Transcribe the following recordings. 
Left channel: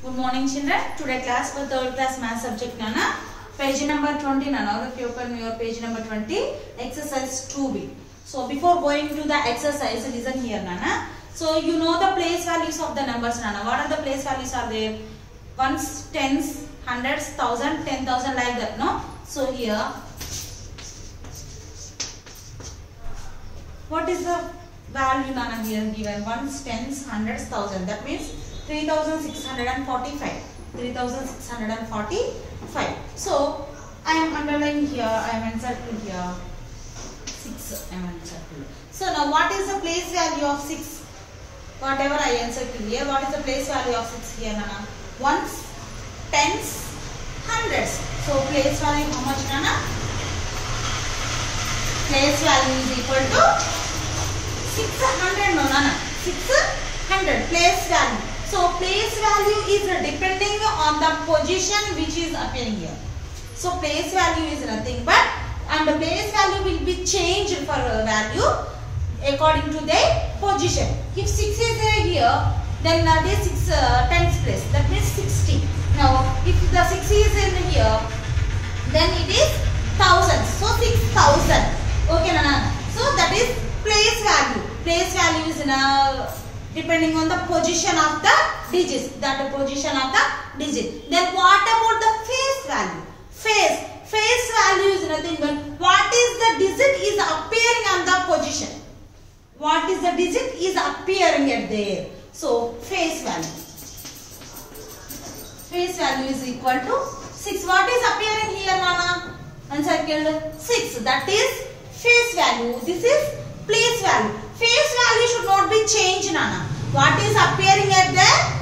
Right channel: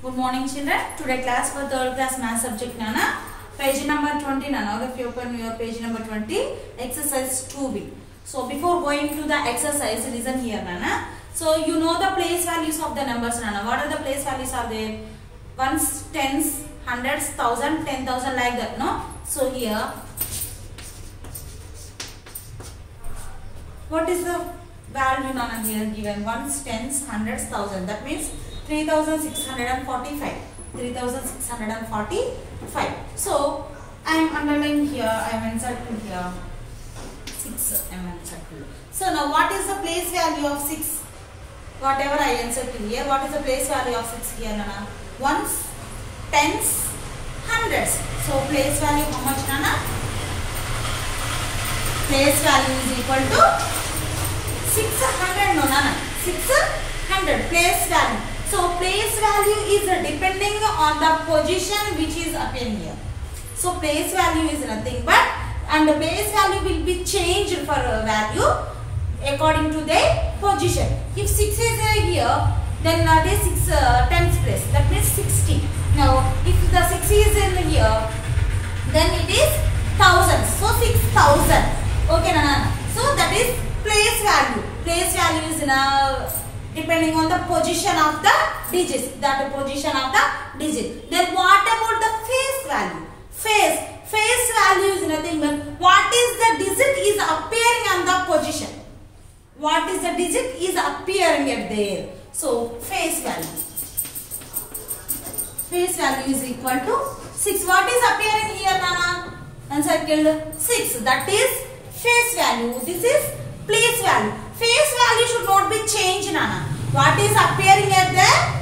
Good morning, children. Today class for 3rd class math subject Nana. Page number 20 Nana. If you open your page number 20, exercise 2B. So before going to the exercise, listen here Nana. So you know the place values of the numbers Nana. What are the place values are there? Ones, tens, hundreds, thousand, 10,000 like that, no? So here, what is the value Nana here given? Ones, tens, hundreds, thousand. That means 3,645. 3,645. So I am underlining here. I am encircling here. 6. I am encircling. So now what is the place value of 6? Whatever I encircled here. What is the place value of 6 here, Nana? Ones, tens, hundreds. So place value how much, Nana? Place value is equal to 600, no Nana. 600 place value. So place value is depending on the position which is appearing here. So place value is nothing but, and the place value will be changed for value according to the position. If 6 is here, then it is 6 tens place. That means 60. Now if the 6 is in here, then it is 1000. So 6,000. Okay, Nana. So that is place value. Place value is now depending on the position of the digits. That position of the digit. Then what about the face value? Face value is nothing but what is the digit is appearing on the position. What is the digit is appearing at there. So face value. Face value is equal to 6. What is appearing here, Nana? Encircled 6. That is face value. This is place value. Face value should not be changed, Nana. What is appearing at there?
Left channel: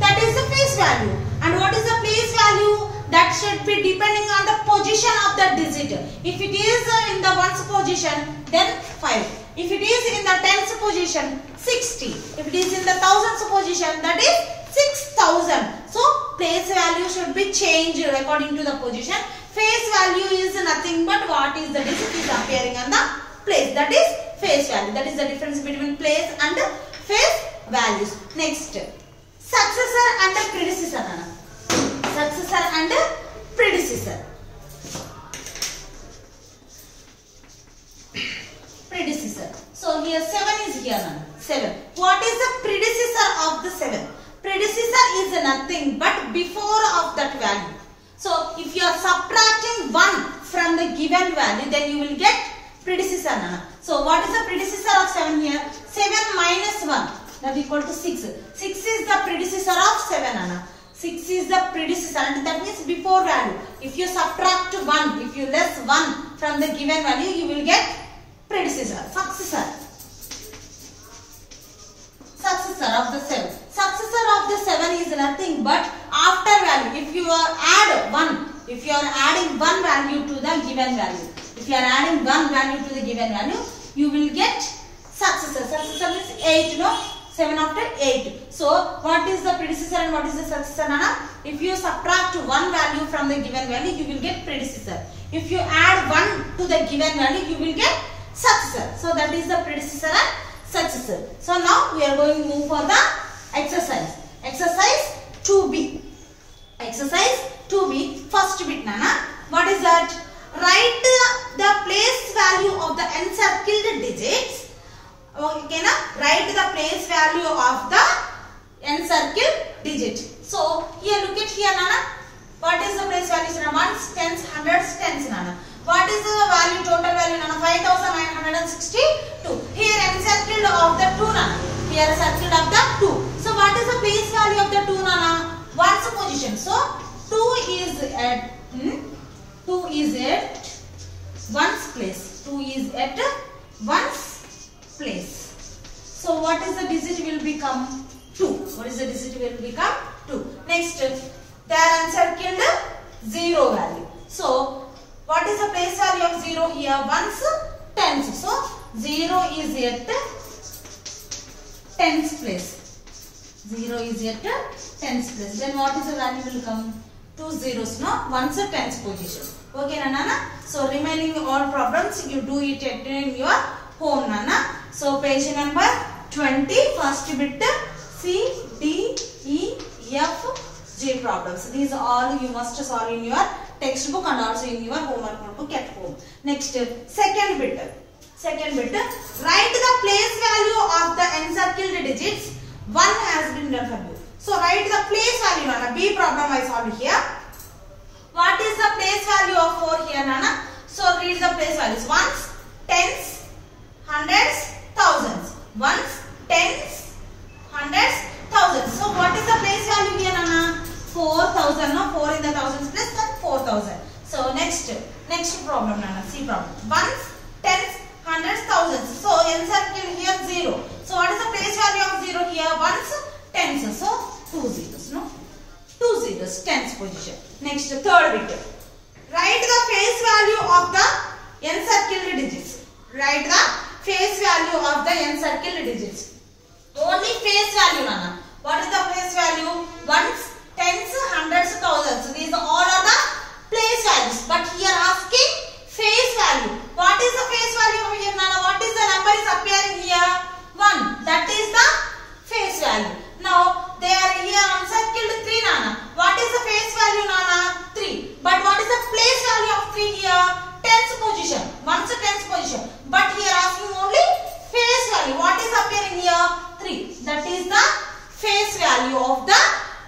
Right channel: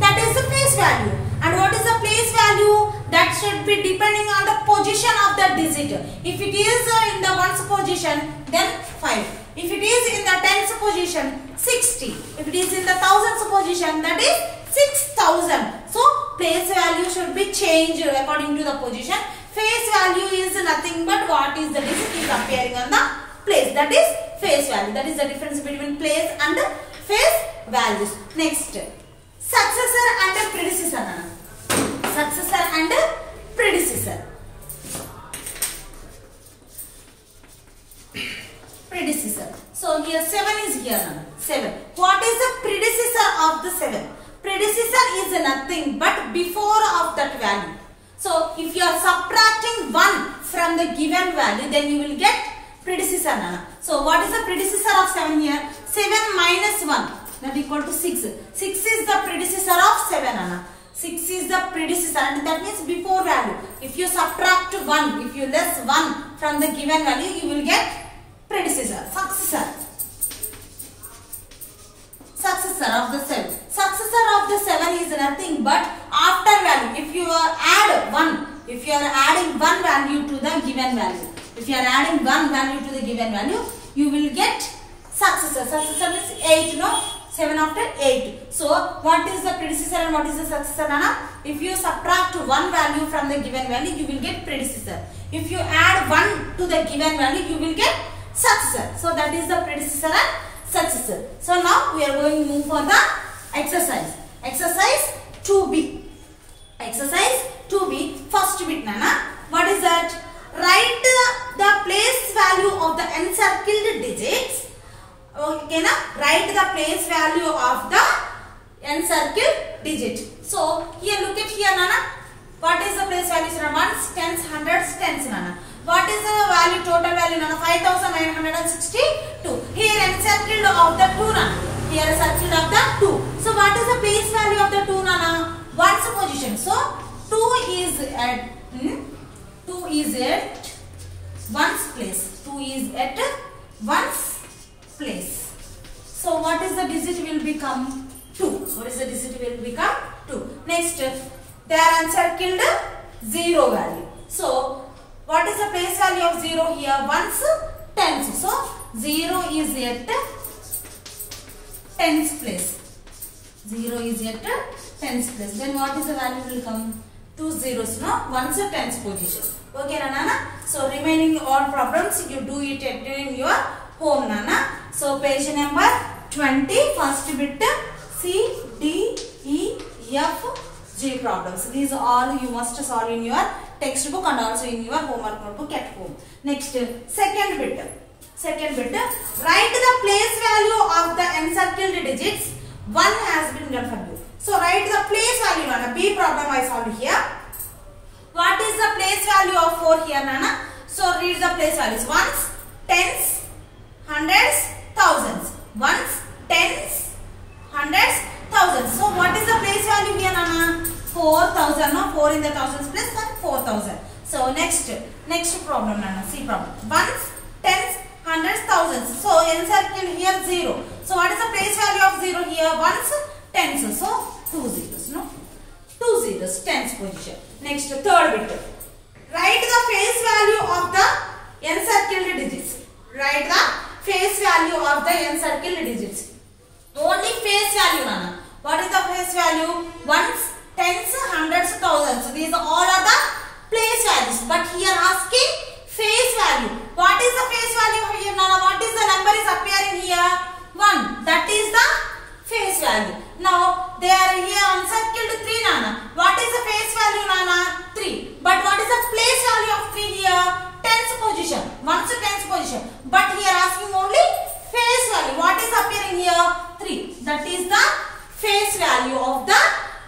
That is the face value. And what is the place value? That should be depending on the position of the digit. If it is in the ones position, then 5. If it is in the tens position, 60. If it is in the thousands position, that is 6,000. So place value should be changed according to the position. Face value is nothing but what is the digit is appearing on the place. That is face value. That is the difference between place and face values. Next, successor and predecessor. Successor and predecessor. Predecessor. So here 7 is here. 7. What is the predecessor of the 7? Predecessor is nothing but before of that value. So if you are subtracting 1 from the given value, then you will get predecessor, Nana. So what is the predecessor of 7 here? 7 minus 1, that equal to 6. 6 is the predecessor of 7, Nana. 6 is the predecessor, and that means before value. If you subtract 1, if you less 1 from the given value, you will get predecessor, successor. Successor of the 7. Successor of the 7 is nothing but after value. If you are add 1, if you are adding 1 value to the given value. If you are adding 1 value to the given value, you will get successor. Successor means 8, no? 7 after 8. So, what is the predecessor and what is the successor, Nana? If you subtract 1 value from the given value, you will get predecessor. If you add 1 to the given value, you will get successor. So, that is the predecessor and successor. So, now we are going to move for the exercise. Exercise 2B. Exercise 2B. First bit, Nana. What is that? Write the place value of the encircled digits. Okay, na? Write the place value of the encircled digit. So here look at here, Nana. What is the place value? Ones, tens, hundreds, tens, Nana. What is the value? Total value, Nana? 5,962. Here encircled of the 2, Nana. Here encircled of the 2. So what is the place value of the 2, Nana? One's position. So 2 is at 1's place. 2 is at 1's place. So what is the digit will become 2. What is the digit will become 2. Next, they are encircled 0 value. So what is the place value of 0 here? 1's tens. So 0 is at 10's place. 0 is at 10's place. Then what is the value will come? 2 zeros, no? 1's tens position. Okay, Nana? So remaining all problems you do it in your home, Nana. So page number 20, first bit C, D, E, F, G problems. These all you must solve in your textbook and also in your homework notebook at home. Next, second bit. Write the place value of the encircled digits. 1 has been done for you. So write the place value, Nana. B problem I solved here. What is the place value of 4 here, Nana? So read the place values. Ones, tens, hundreds, thousands. Ones, tens, hundreds, thousands. So what is the place value here, Nana? 4,000. No, 4 in the thousands place, then 4,000. So next problem, Nana. C problem. Ones, tens, hundreds, thousands. So encircle here 0. So what is the place value of 0 here? Ones, tens. So 2 zeros. No, 2 zeros. Tens position. Next, third bit. Write the face value of the encircled digits. Write the face value of the encircled digits. Only face value, Nana. What is the face value? Ones, tens, hundreds, thousands. These all are the place values. But here asking face value. What is the face value here, Nana? What is the number is appearing here? 1. That is the face value. Now they are here encircled 3, Nana. What is the face value, Nana? 3. But what is the place value of 3 here? Tens position. 1's tens position. But here asking only face value. What is appearing here? 3. That is the face value of the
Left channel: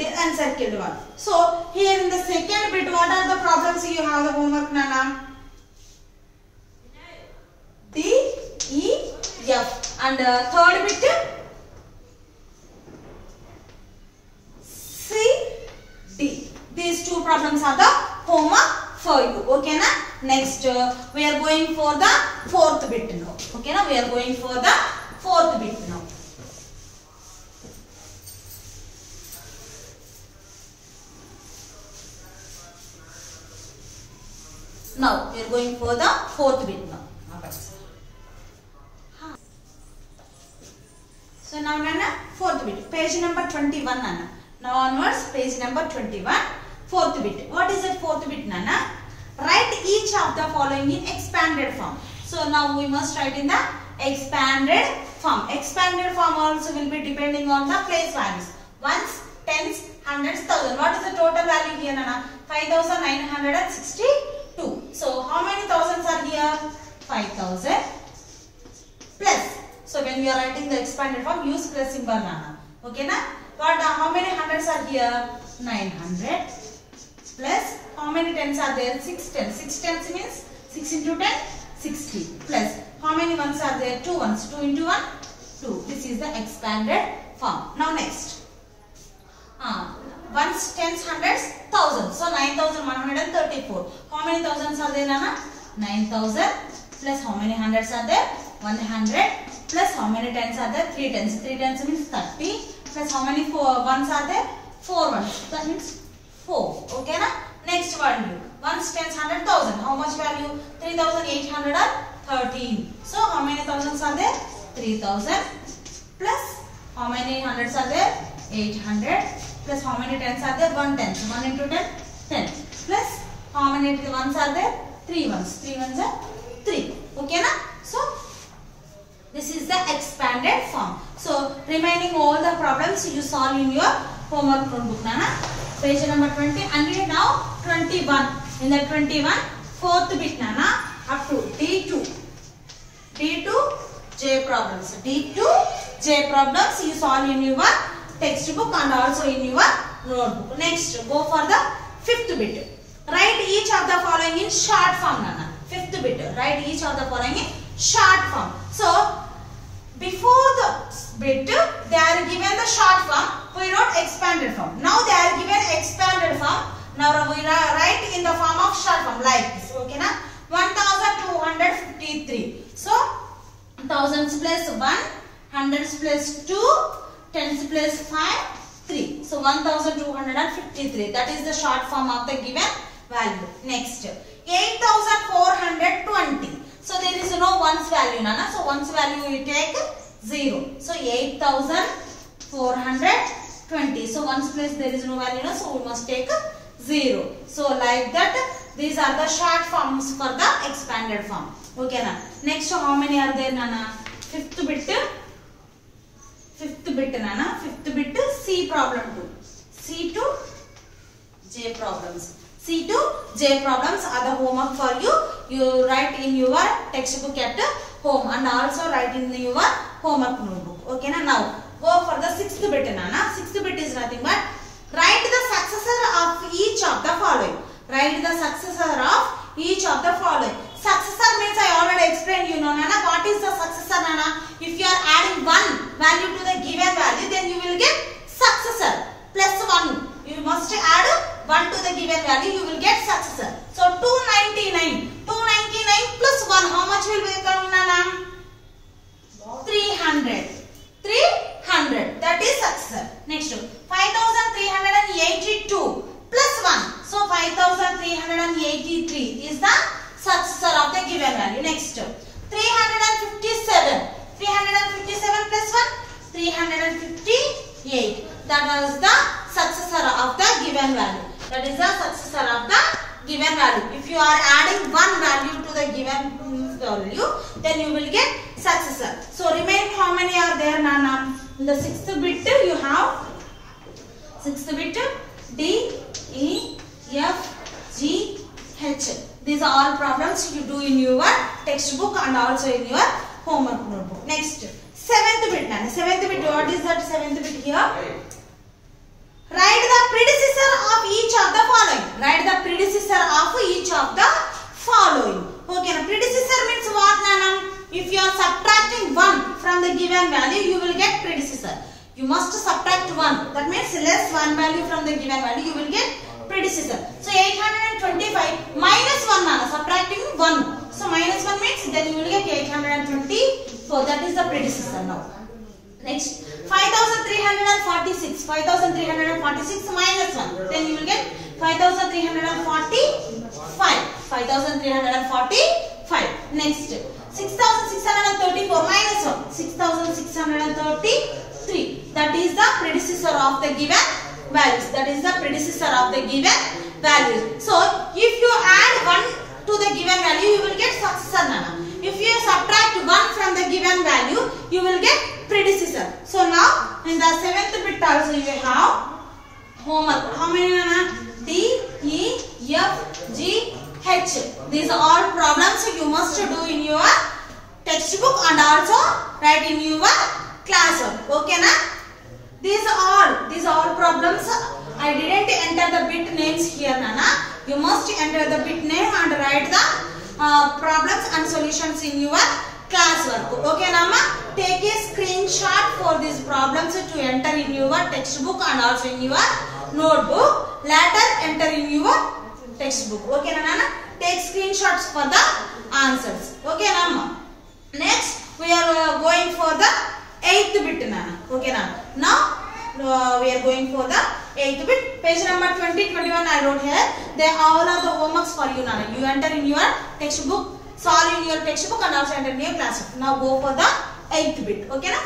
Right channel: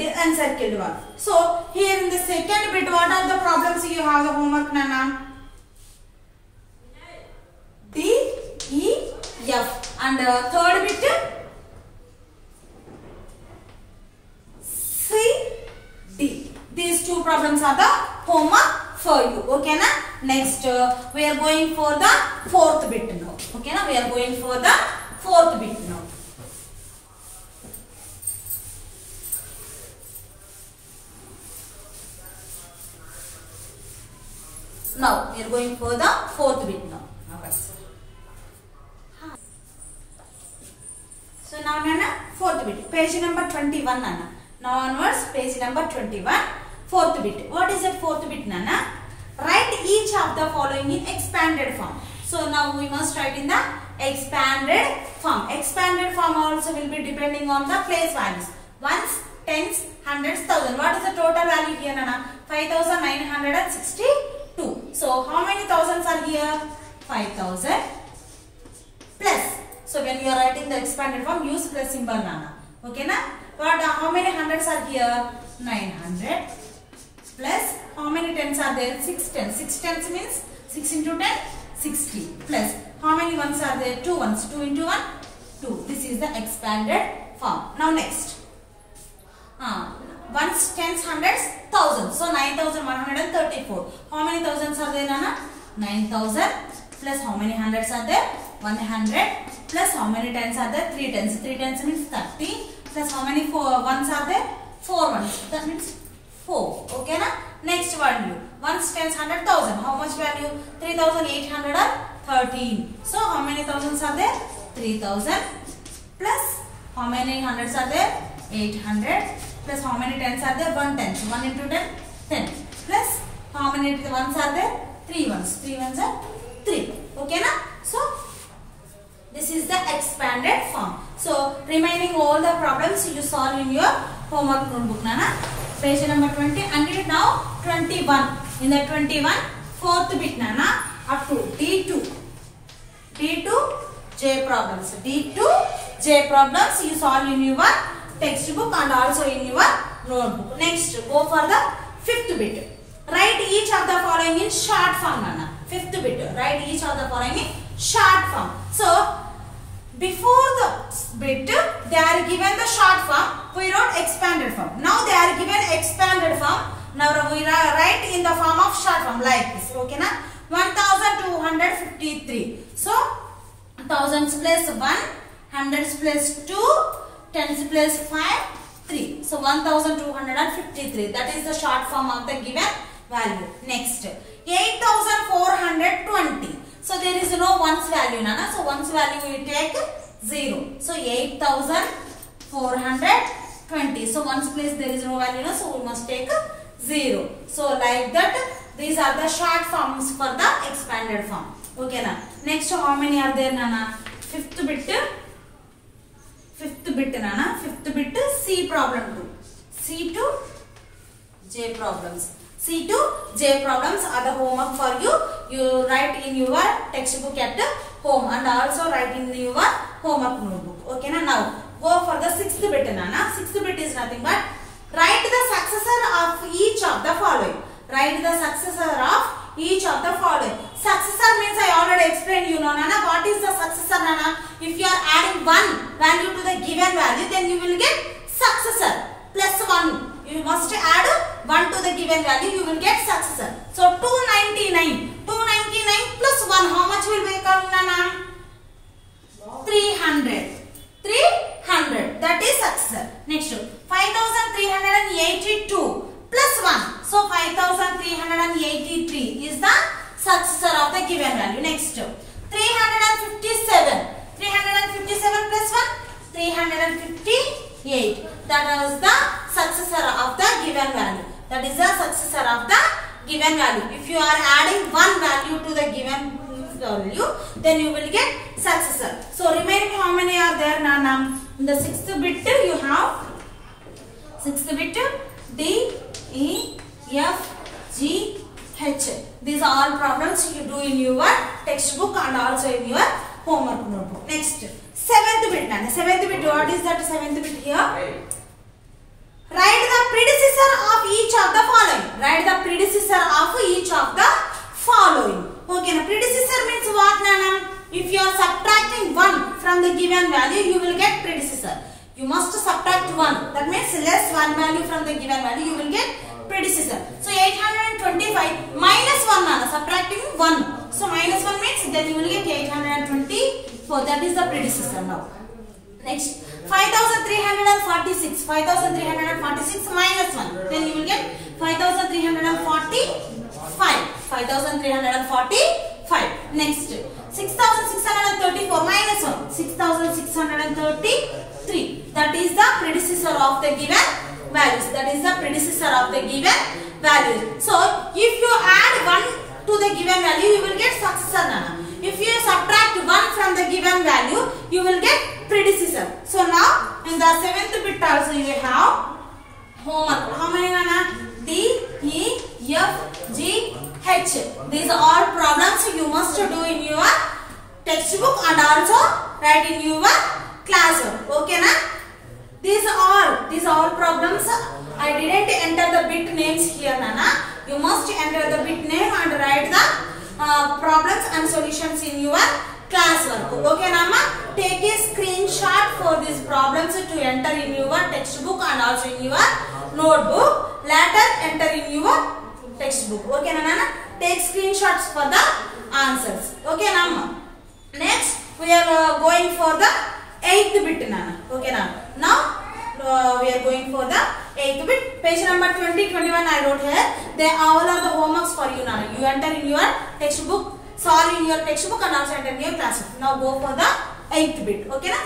encircled one. So here in the second bit, what are the problems you have the homework, Nana? D, E, F. And third bit, C, D. These two problems are the homework for you. Okay, na? Next, we are going for the fourth bit now. Okay, na? We are going for the fourth bit now. Now, we are going for the fourth bit now. So, now, Nana, fourth bit. Page number 21, Nana. Now, onwards, page number 21. Fourth bit. What is that fourth bit, Nana? Write each of the following in expanded form. So, now we must write in the expanded form. Expanded form also will be depending on the place values. Ones, tens, hundreds, thousand. What is the total value here, Nana? 5,962. So, how many thousands are here? 5,000 plus. So, when you are writing the expanded form, use plus symbol, Nana. Okay, na? But how many hundreds are here? 900 plus how many tens are there? 6 tens. 6 tens means 6 into 10, 60 plus how many ones are there? 2 ones. 2 into 1, 2. This is the expanded form. Now next. Ones, tens, hundreds, thousands. So 9,134. How many thousands are there, Nana? 9,000 plus how many hundreds are there? 100 plus how many tens are there? 3 tens. 3 tens means 30 plus how many ones are there? 4 ones. That means 4. Okay, na? Next value. Ones, tens, 100,000. How much value? 3,813. So how many thousands are there? 3,000 plus how many hundreds are there? 800 plus how many tens are there? 1 tens. 1 into 10, 10 plus how many ones are there? 3 ones. 3 ones are 3. Okay, na? So this is the expanded form. So remaining all the problems you solve in your homework notebook, Nana. Page number 20 and now 21. In the 21, fourth bit, Nana, up to D2. D2 J problems. D2 J problems you solve in your textbook and also in your notebook. Next, go for the fifth bit. Write each of the following in short form, Nana. Fifth bit. Write each of the following in short form. So, before the bit, they are given the short form. We wrote expanded form. Now they are given expanded form. Now we write in the form of short form like this. Okay, na? 1,253. So, thousands plus 1, hundreds plus 2, tens plus 5, 3. So, 1,253. That is the short form of the given value. Next, 8,420. So, there is no ones value, Nana. So, ones value we take 0. So, 8,420. So, ones place there is no value, no? So, we must take 0. So, like that, these are the short forms for the expanded form. Okay, na? Next, how many are there, Nana? Fifth bit, Nana. Fifth bit, C problem 2. C to J problems. C to J problems are the homework for you. You write in your textbook at home and also write in your homework notebook. Okay na? Now go for the sixth bit. Sixth bit is nothing but write the successor of each of the following. Write the successor of each of the following. Successor means I already explained you know Nana. What is the successor Nana? If you are adding one value to the given value, then you will get successor plus 1. You must add 1 to the given value, you will get successor. So 299. 299 plus 1, how much will become Nana? 300. 300. That is successor. Next 5382 plus 1. So 5383 is the successor of the given value. Next 357. 357 plus 1. 358. That is the successor of the given value. That is the successor of the given value. If you are adding one value to the given value, then you will get successor. So remaining how many are there Nana? In the sixth bit you have D, E, F, G, H. These are all problems you do in your textbook and also in your homework notebook. Next, seventh bit Nana. Seventh bit, what is that seventh bit here? Write the predecessor of each of the following. Write the predecessor of each of the following. Okay, now predecessor means what Nana? If you are subtracting 1 from the given value, you will get predecessor. You must subtract 1. That means less 1 value from the given value, you will get predecessor. So 825 minus 1 Nana, subtracting 1. So minus 1 means then you will get 824. That is the predecessor now. Next, 5346. 5346 minus 1. Then you will get 5345. 5345. Next, 6634 minus 1. 6633. That is the predecessor of the given values. That is the predecessor of the given values. So, if you add 1 to the given value, you will get successor Nana. If you subtract 1 from the given value, you will get predecessor. So now in the seventh bit also you will have homework. How many Nana? D, E, F, G, H. These are all problems you must do in your textbook and also write in your classwork. Okay na? These are all problems. I didn't enter the bit names here Nana. You must enter the bit name and write the problems and solutions in your classwork. Okay Nama? Take a screenshot for these problems to enter in your textbook and also in your notebook. Later enter in your textbook. Okay Nana? Take screenshots for the answers. Okay Nama? Next we are going for the 8th bit Nana. Okay Nana? Now we are going for the 8th bit. Page number 20-21 I wrote here. They all are the homeworks for you Nana. You enter in your textbook, solve in your textbook and also enter in your classroom. Now go for the 8th bit. Okay na?